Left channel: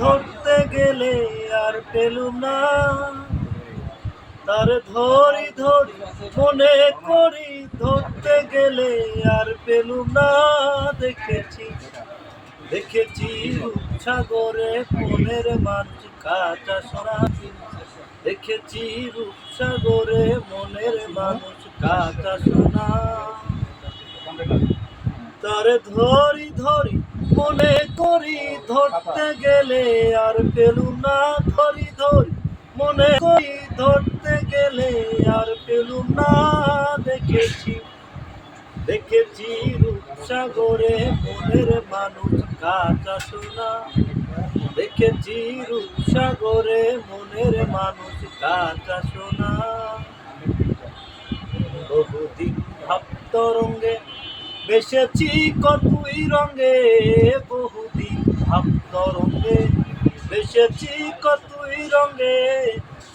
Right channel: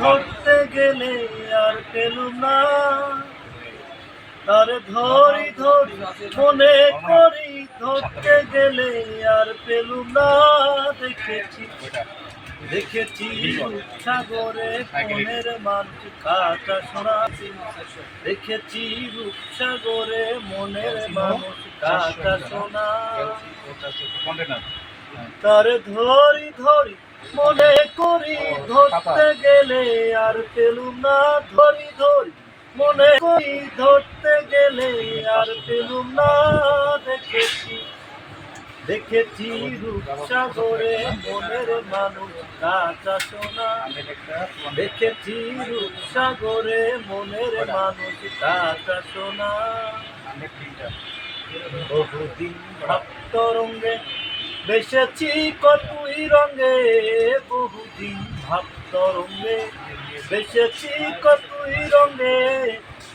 ধরতে গেলে আর পেলুম না, তারে ধরি ধরি মনে করি, ধরতে গেলে আর পেলুম না। দেখেছি দেখেছি রূপসাগরে মনের মানুষ কাটা সোনা, দেখেছি রূপসাগরে মনের মানুষ কাটা সোনা। তারে ধরি ধরি মনে করি, ধরতে গেলে আর পেলুম না। ধরি ধরি মনে করি, ধরতে গেলে আর পেলুম না। দেখেছি দেখেছি রূপসাগরে মনের মানুষ কাটা সোনা, দেখেছি রূপসাগরে মনের মানুষ কাটা সোনা। বহুদিন ভাবতরঙ্গে বেসেছি কতই রঙে, বহুদিন ভাবতরঙ্গে বেসেছি কতই রঙে।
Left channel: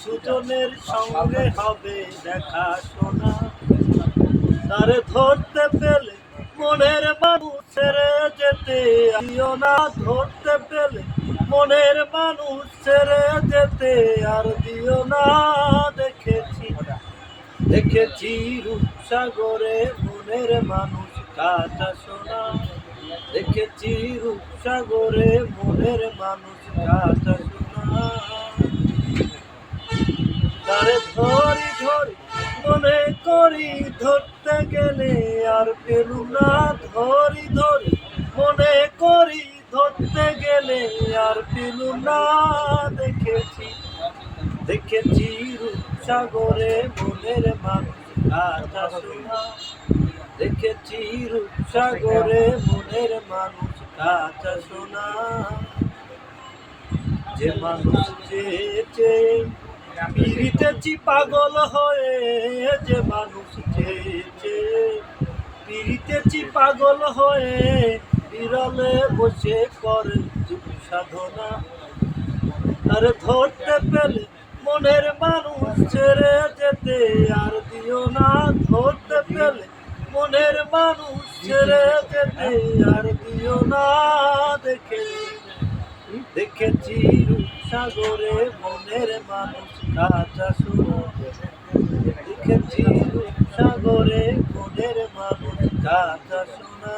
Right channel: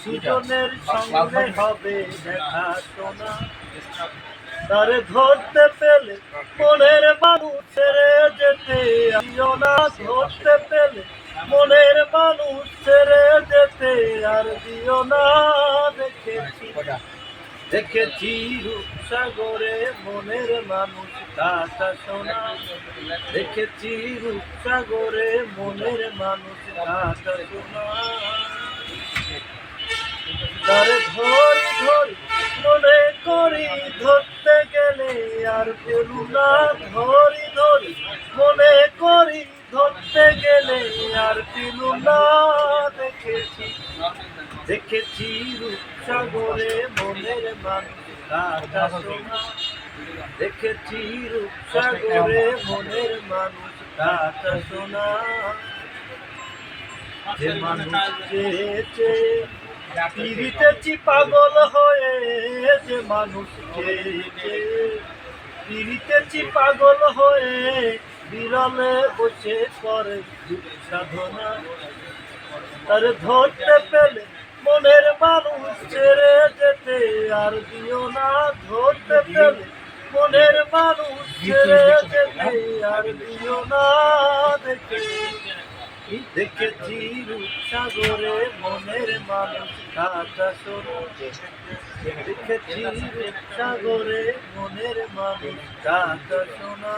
সুজনের সঙ্গে হবে দেখা শোনা, তারে ধরতে পেলে মনের মানুষ ছেড়ে যেতে দিও না। ধরতে পেলে মনের মানুষ ছেড়ে যেতে আর দিও না। দেখেছি দেখেছি রূপসাগরে মনের মানুষ কাটা সোনা, দেখেছি রূপসাগরে মনের মানুষ কাটা সোনা। তারে ধরি ধরি মনে করি, ধরতে গেলে আর পেলুম না। ধরি ধরি মনে করি, ধরতে গেলে আর পেলুম না। দেখেছি দেখেছি রূপসাগরে মনের মানুষ কাটা সোনা, দেখেছি রূপসাগরে মনের মানুষ কাটা সোনা। যে মানুষ চেয়েছে পিরিতেছি পাগল হয়ে, যে মানুষ চেয়েছে পিরিতেছি পাগল হয়ে, বিরলে বসে করে যুগ সাধনা। তারে ধরতে পেলে মনের মানুষ ছেড়ে যেতে আর দিও না। ধরতে পেলে মনের মানুষ ছেড়ে যেতে আর দিও না। দেখেছি রূপসাগরে মনের মানুষ কাটা সোনা, দেখেছি রূপসাগরে মনের মানুষ কাটা সোনা।